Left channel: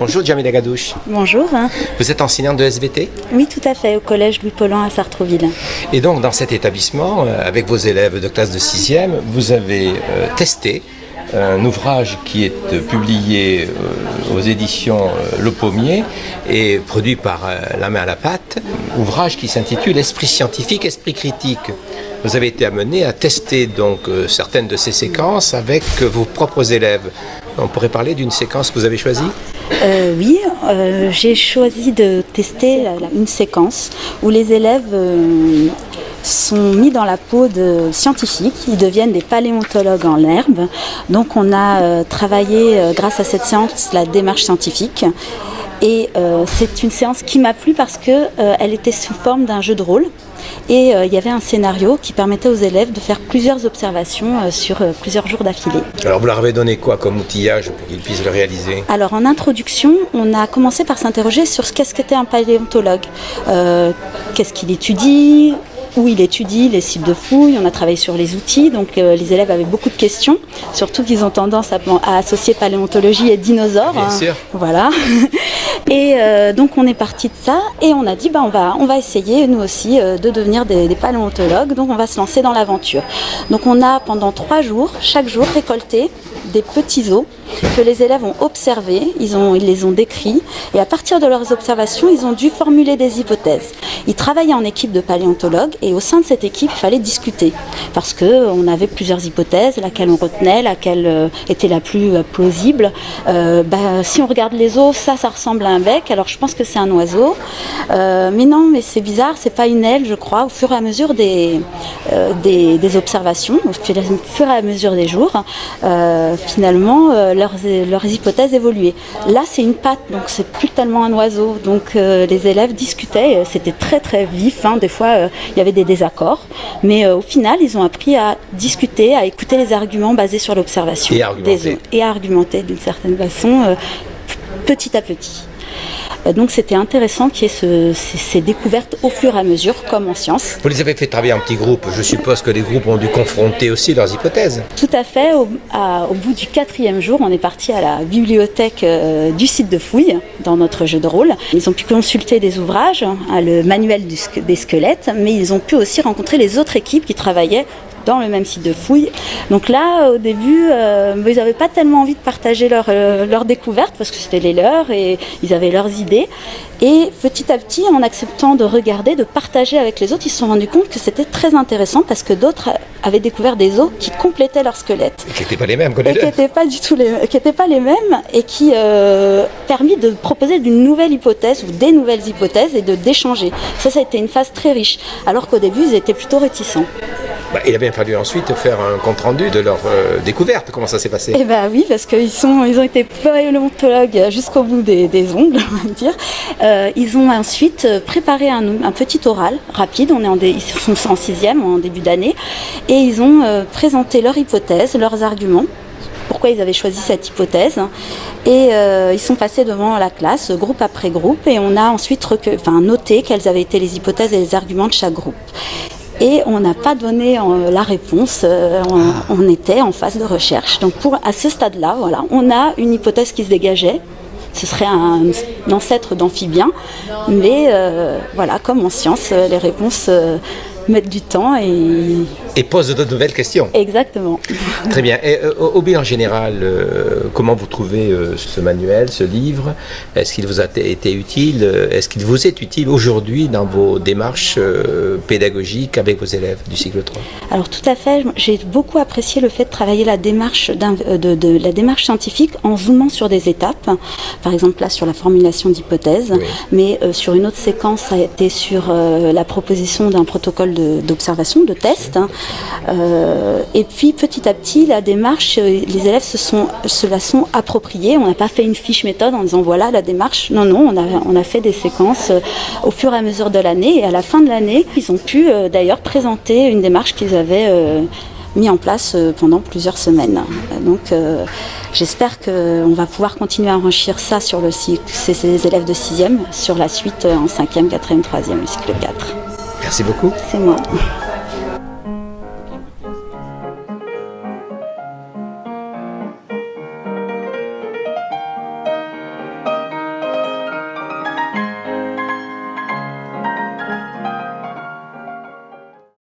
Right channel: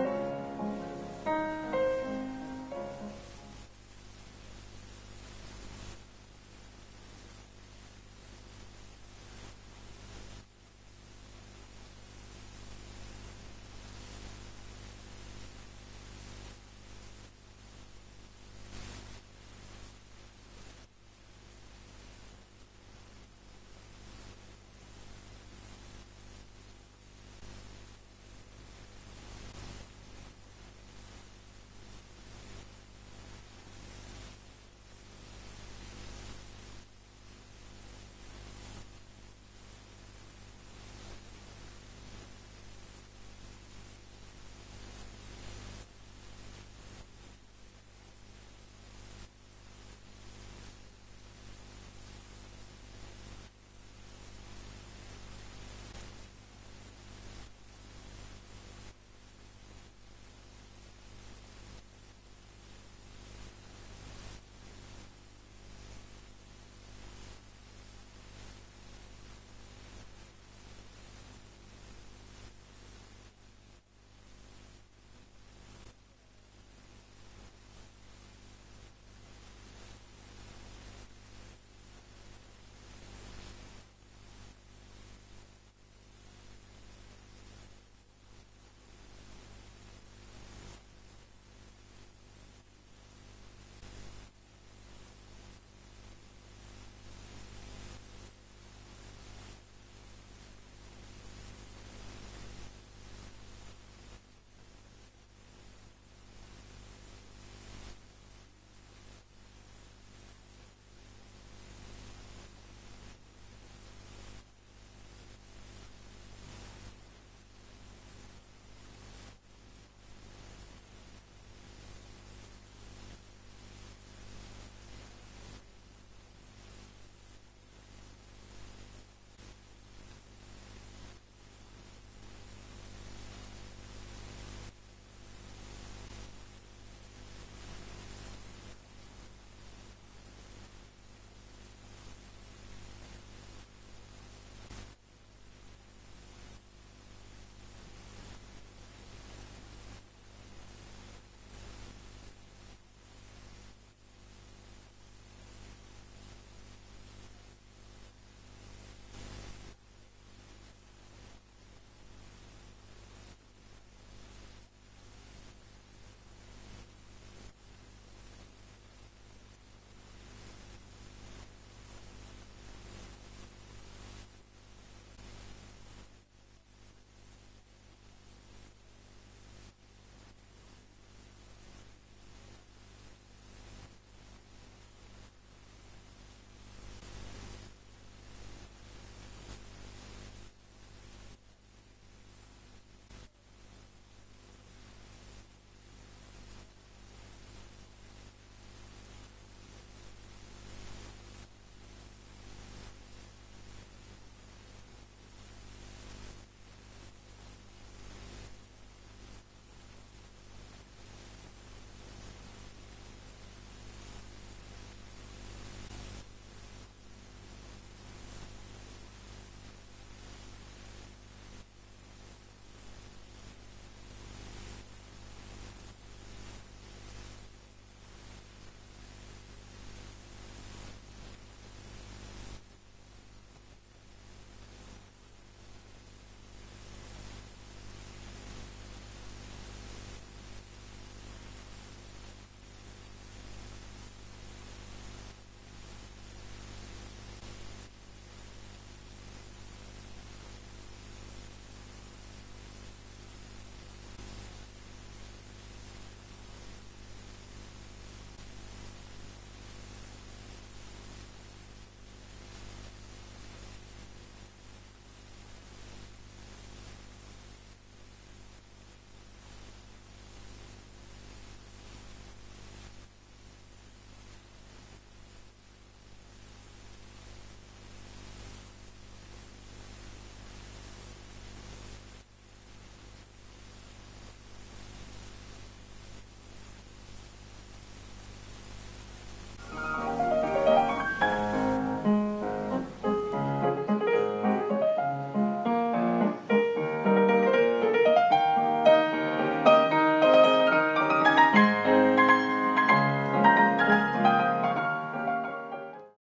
Bonjour Djamila Gadouche. Bonjour. Vous êtes enseignante de SVT? Oui, tout à fait, au collège Louis Paulhan à Sartrouville. Et donc dans cet établissement, avec vos élèves de classe de 6e, vous avez testé un ouvrage qui est publié aux éditions Le Pommier et produit par La Main à la Pâte, ouvrage qui s'intitule Esprit scientifique, esprit critique. Vous avez été amené à tester donc certaines de ces séquences avec vos propres élèves. On pourrait parler d'une séquence que vous avez choisie? Oui, j'ai choisi de tester une séquence où les élèves sont mis dans la peau de scientifiques, ils deviennent des paléontologues en herbe. Donc on a travaillé grâce à cette séance la démarche scientifique. Et c'est une séance qui m'a plu parce qu'elle était sous forme d'un jeu de rôle. Et il y avait un scénario qui permettait aux élèves de faire plusieurs observations sur plusieurs jours d'affilée. Alors vous leur avez donné quoi comme outillage pour qu'ils puissent le réaliser? Alors en introduction, on a commencé par s'interroger sur ce qu'était un paléontologue. Qu'est-ce qu'il étudie ? Où il étudie les sites de fouilles, on a travaillé sur les outils, donc les élèves avaient beaucoup de questions, surtout qu'ils ont tendance à associer paléontologie et dinosaures. Bien sûr. Voilà. Et donc on est parti de ça et on a dit on va essayer nous aussi de devenir des paléontologues, donc on va se lancer dans l'aventure. Donc on a pendant 3 jours, chaque jour récolté des petits os que les élèves ont observés, ils les ont décrits et à partir de leurs observations, ils ont dû formuler des hypothèses. Ils travaillaient en équipe de paléontologues et au sein de cette équipe, il fallait discuter parce qu'on avait plusieurs hypothèses, laquelle on retenait, laquelle était la plus plausible. Si on regarde les os, ça ressemble à un bec, alors je pense que c'est un oiseau. Mais non, mais c'est bizarre, c'est pas une aile, je crois. Au fur et à mesure des observations, au fur et à mesure des jours, finalement, leurs hypothèses évoluaient. Là, c'est une patte, donc c'est plus tellement un oiseau. Donc les élèves discutaient, c'était très très vif. Des fois, il y avait des désaccords, mais au final, ils ont appris à discuter, à écouter les arguments basés sur l'observation et à argumenter d'une certaine façon, petit à petit. Donc c'était intéressant qu'il y ait ces découvertes au fur et à mesure, comme en sciences. Vous les avez fait travailler en petits groupes. Je suppose que les groupes ont dû confronter aussi leurs hypothèses. Tout à fait. Au bout du 4e jour, on est parti à la bibliothèque du site de fouilles, dans notre jeu de rôle. Ils ont pu consulter des ouvrages, le manuel des squelettes, mais ils ont pu aussi rencontrer les autres équipes qui travaillaient dans le même site de fouilles. Donc là, au début, ils n'avaient pas tellement envie de partager leurs découvertes parce que c'était les leurs et ils avaient leurs idées. Et petit à petit, en acceptant de regarder, de partager avec les autres, ils se sont rendus compte que c'était très intéressant parce que d'autres avaient découvert des os qui complétaient leur squelette. Qui n'étaient pas les mêmes que les leurs. Qui n'étaient pas les mêmes et qui permis de proposer d'une nouvelle hypothèse ou des nouvelles hypothèses et d'échanger. Ça a été une phase très riche, alors qu'au début, ils étaient plutôt réticents. Il a bien fallu ensuite faire un compte-rendu de leur découverte. Comment ça s'est passé? Eh bien oui, parce qu'ils ont été paléontologues jusqu'au bout des ongles, on va dire. Ils ont ensuite préparé un petit oral rapide. Ils sont en 6e, en début d'année. Et ils ont présenté leur hypothèse, leurs arguments. Pourquoi ils avaient choisi cette hypothèse. Et ils sont passés devant la classe, groupe après groupe. Et on a ensuite noté quelles avaient été les hypothèses et les arguments de chaque groupe. Et on n'a pas donné la réponse, on était en phase de recherche. Donc à ce stade-là, voilà, on a une hypothèse qui se dégageait. Ce serait un ancêtre d'amphibien, mais voilà, comme en science, les réponses mettent du temps et posent de nouvelles questions. Exactement. Très bien. Et au bilan général, comment vous trouvez ce manuel, ce livre? Est-ce qu'il vous a été utile? Est-ce qu'il vous est utile aujourd'hui dans vos démarches pédagogiques avec vos élèves du cycle 3? Alors tout à fait. J'ai beaucoup apprécié le fait de travailler la démarche la démarche scientifique en zoomant sur des étapes. Par exemple là sur la formulation d'hypothèses, oui. Mais sur une autre séquence, ça a été sur la proposition d'un protocole d'observation, de test. Et puis petit à petit, la démarche, les élèves se la sont appropriés. On n'a pas fait une fiche méthode en disant voilà la démarche. Non, on a fait des séquences au fur et à mesure de l'année. Et à la fin de l'année, ils ont pu d'ailleurs présenter une démarche qu'ils avaient mis en place pendant plusieurs semaines. Donc j'espère qu'on va pouvoir continuer à enrichir ça sur le cycle, ces élèves de 6e, sur la suite en 5e, 4e, 3e, le cycle 4. Merci beaucoup. C'est moi.